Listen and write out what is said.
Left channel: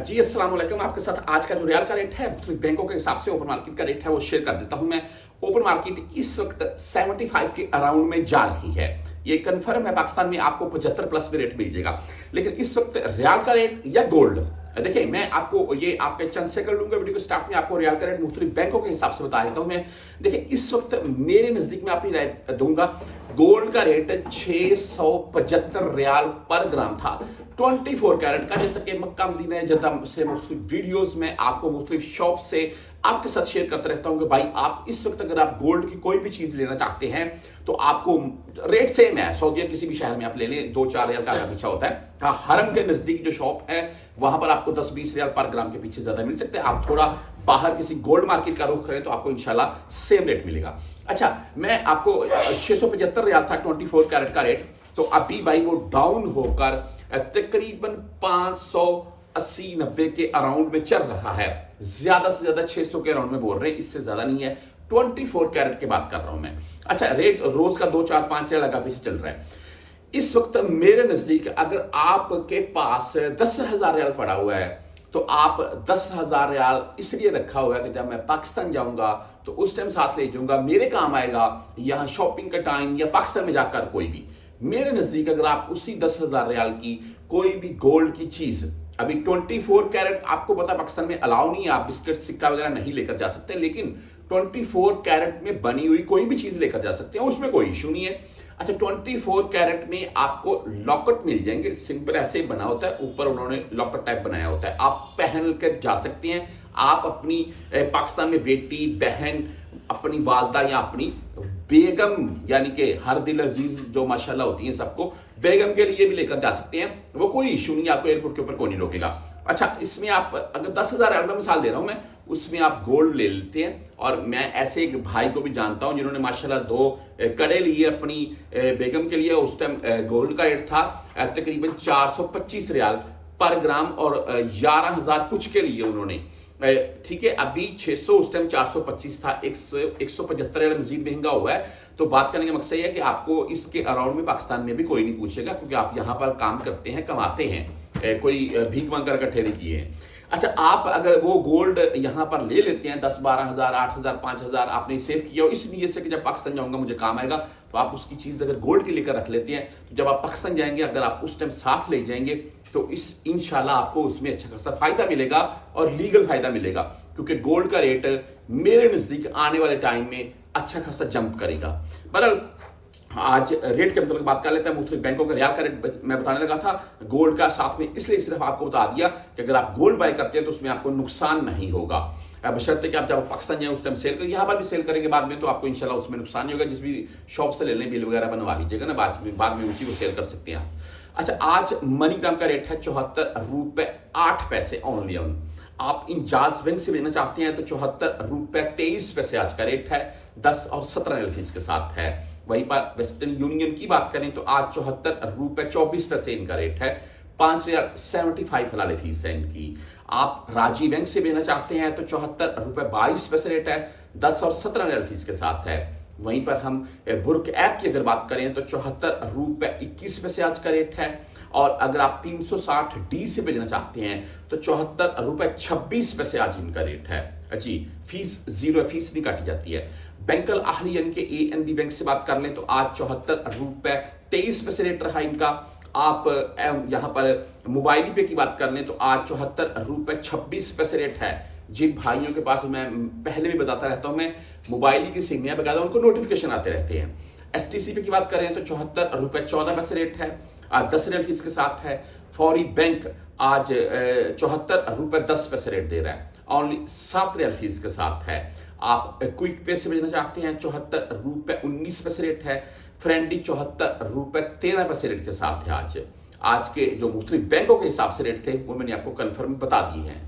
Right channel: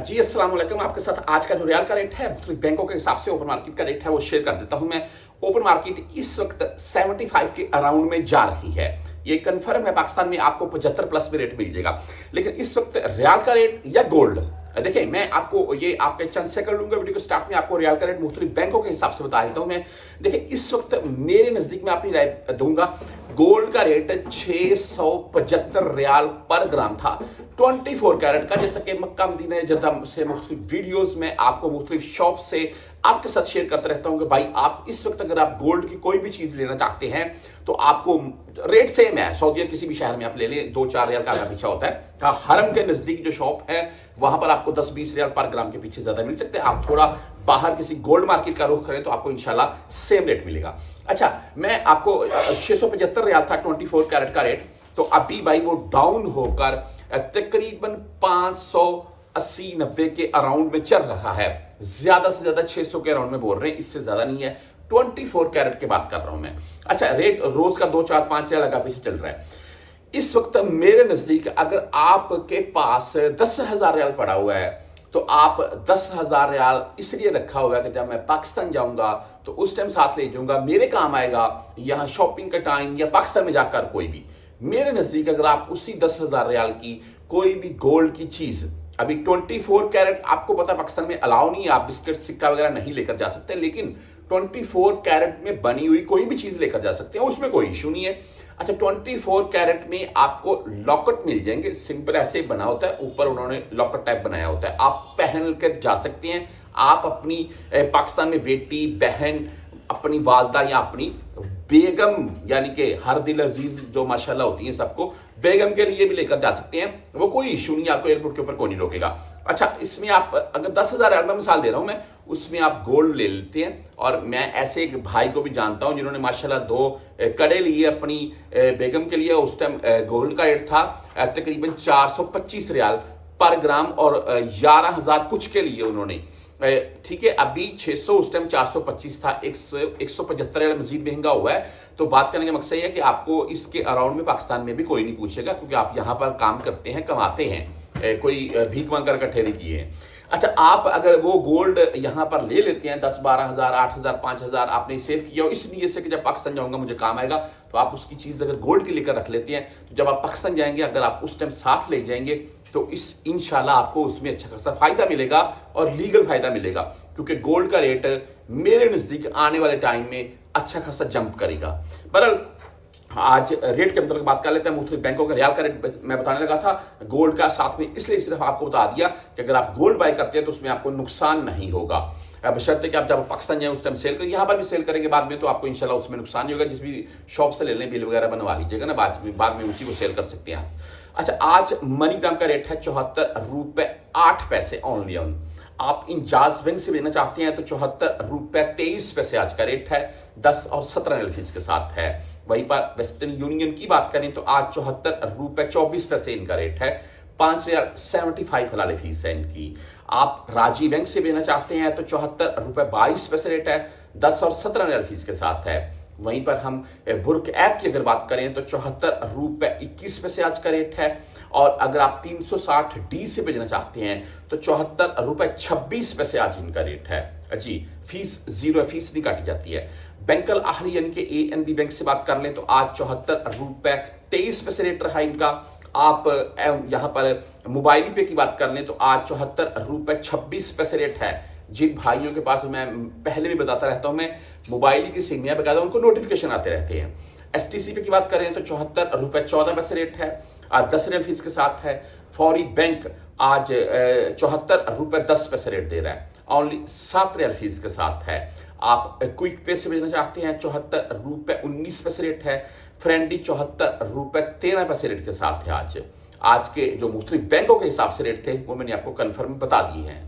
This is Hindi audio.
जी अस्सलाम वालेकुम। आपके साथ आज का जो रियाल का रेट है मुख्तलिफ बैंकों के हिसाब से ओपन मार्केट का रेट है वो शेयर कर देता हूं मैं। ओपन मार्केट इस वक्त 75 के अराउंड में जा रही है। ये कंफर्म है, पाकिस्तान में आपको 75 प्लस में रेट मिल जाएगा। लेकिन इस वक्त रियाल का रेट या गोल्ड, देखिए मैं आपको ये आपके चंद से कर लूंगा वीडियो के स्टार्ट में आपको रियाल का रेट मुख्तलिफ बैंकों के हिसाब से बता देता हूं मैं। देखिए इस वक्त मेरे नजदीक में अपनी राय दूंगा। गोल्ड का रेट 675 रियाल पर ग्राम था 24 कैरेट का। जैसा कि मक्का मदीना जद्दा से मुख्तलिफ वीडियोस में आपको मुख्तलिफ शॉप से आपके साथ शेयर करता रहता हूं कि भाई आप इस वक्त अगर आप गोल्ड की कोई भी चीज लेना चाहते हैं तो आपको रेट सेम है। सऊदी किसी भी शहर में आप ले लें, 2-4 रियाल का आधा पीछा होता है। हाँ, हरम के नजदीक जो शॉप है वहां पर आपको 10-20 रियाल पर ग्राम के पीछे ज्यादा मिल सकते हैं। आप थोड़ा बाहर किसी गोल्ड मार्केट का रुख करें तो आपको इंशाल्लाह सेम रेट मिलेगा। अच्छा, मैं आपको 675 रियाल था 24 कैरेट का रेट, तो अभी भाई वो डाउन होकर तकरीबन 580-90 के अराउंड में चल रहा है। ज्यादा से ज्यादा 600 के अराउंड में बोल रहे हैं, इससे ज्यादा नहीं है। 24 कैरेट की बात कर रहा हूं मैं। अच्छा, रेट रोज का 2-4-5 रियाल लगा पीछे चल रहा है इस वक्त। मेरे नजदीक अगर आपके पास 10,000 रियाल पड़ा हुआ है तो आप 10,000 रियाल इसलिए रखा हुआ है कि जब मैं पाकिस्तान जाऊंगा तो उस टाइम साथ ले जाऊंगा, मेरे काम आएगा, यहां शॉपिंग का टाइम या पाकिस्तान में जाकर कोई भी। मेरे नजदीक अगर आप उसी 10,000 रियाल की कोई भी गोल्ड की चीज, अभी 24 कैरेट आपको पता पाकिस्तान में अलाउ नहीं है, आप बिस्किट सिक्का वगैरह नहीं लेकर जा सकते, लेकिन 24 कैरेट में बनी हुई कोई भी चीज लेकर जा सकते हैं, उसमें कोई इशू नहीं है। अच्छा, 24 कैरेट में आपको लॉकेट मिल जाएंगे, सिंपल ऐसे बना होता है, ऊपर उन्होंने लॉकेट टाइप बनाया होता है, आप पहन कर जा सकते हैं। आप अपनी पाकिस्तान में बेटी बहन, अपनी वालदा या अपनी बेगम, यानी कि हर दिल अजीज जो माशाल्लाह होती है सबको, बेगम के लिए भी लेकर जा सकते हैं, वो कोई इशू नहीं, आपको एयरपोर्ट के ऊपर कोई नहीं रोकेगा। अच्छा, इसमें आप अगर 10,000 रियाल, मैं मिसाल दे रहा हूं मैं, उसमें आप गोल्ड ले लेते हैं। और मैं ऐसे एक भाई को भी जानता हूं जिन्होंने माशाल्लाह 2 कड़े लिए अपनी बेगम के लिए। उस टाइम गोल्ड का रेट था तकरीबन 425 रियाल पर ग्राम और 11,000 कुछ के लिए उन्होंने, ठीक है। अभी 600, उस टाइम 425 था, 175 रियाल मजीद महंगा हुआ है। तो बात करने का मकसद यह है कि आपको इसके अराउंड में पाकिस्तान में भी कोई नहीं पूछेगा, क्योंकि आप यहां पर काम करते हैं, कमाते हैं, कोई भीख मांग कर इकट्ठे किए हैं। अच्छा, आप अगर वो गोल्ड यहां पर ले लेते हैं 10-12 हजार, 8,000, 5,000 आपने सेव किया हो इस नीयत से कि जब पाकिस्तान जाऊंगा मुझे काम आएगा, तो आप उसकी चीज अगर गोल्ड की लेकर रख लेते हैं तो जब आप पाकिस्तान जाएंगे अगर आप उस टाइम साथ ले जाएंगे तो इस इंशाल्लाह आपको उसमें अच्छा खासा फायदा मिलेगा और लीगल फायदा मिलेगा, क्योंकि गोल्ड का रेट मेरे नजदीक आने वाले टाइम में अच्छा खासा जंप करेगा। बहरहाल आज रेट के मतलब बात कर लेते हैं। मुख्तलिफ बैंकों का रियाल का रेट मैं बताने लगा था, गोल्ड का साथ में इसलिए सिर्फ आपको बता दिया कि अगर आप गोल्ड बाय करते हैं तो उसमें आपको नुकसान नहीं होगा, बशर्ते कि आप जब पाकिस्तान जाए उस टाइम सेल करें, यहाँ पर भी सेल करेंगे बाद में, तो आपको इंशाल्लाह उसमें नुकसान नहीं होगा। जिस भी शॉप से ले लें बिल वगैरह बनवा लीजिएगा ना, बाद में उसी को सेल कर सकते हैं आप। अच्छा, आज मनीग्राम का रेट है 74 रुपए 8 पैसे ओनली ऑन। आप इंजाज बैंक से लेना चाहते हैं तो 74 रुपए 23 पैसे आज का रेट है, 10 और 17 फीस के साथ है। वहीं पर वेस्टर्न यूनियन की बात करें तो आज 74 रुपए 24 पैसे इनका रेट है, 5.75 हलाल फीस है इनकी। आप राजी बैंक से लेना चाहते हैं तो 74 रुपए 22 पैसे रेट है, 10 और 17 फीस के साथ है। वहीं पर हम बुर्क ऐप की अगर बात करें तो 74 रुपए 21 पैसे आज का रेट है। और अगर आप 360D से भेजना चाहते हैं तो 74 रुपए 26 पैसे आज इनका रेट है जी। फीस जीरो, फीस नहीं काटी जाती है। बैंकल आहली यानी कि ANB बैंक से बात कर लें तो आज 74 रुपए 23 पैसे रेट रहा इनका। आप यहां पर मोबाइल पे की बात कर लें तो आज 74 रुपए 26 पैसे रेट है। जिन भाइयों के पास, मैं पहले भी बताता रहता हूं, मैं मोबाइल की सिम बकायदा उनको नोटिफिकेशन आते रहते हैं। STC पे की बात करें तो 74 रुपए 14 पैसे रेट है, आज 10 रियाल फीस के साथ है। फौरी बैंक आज 74 रुपए 10 पैसे रेट दे रहा है, ओनली 7 रियाल फीस के साथ है। आप क्विक पे से भेजना चाहते हैं 74 रुपए 19 पैसे रेट है। फ्रेंडी 74 रुपए 13 पैसे रेट के साथ है। आज के जो मुख्तलिफ बैंकों के हिसाब से रेट थे वो मैंने आपको कन्फर्म बता दिए हैं।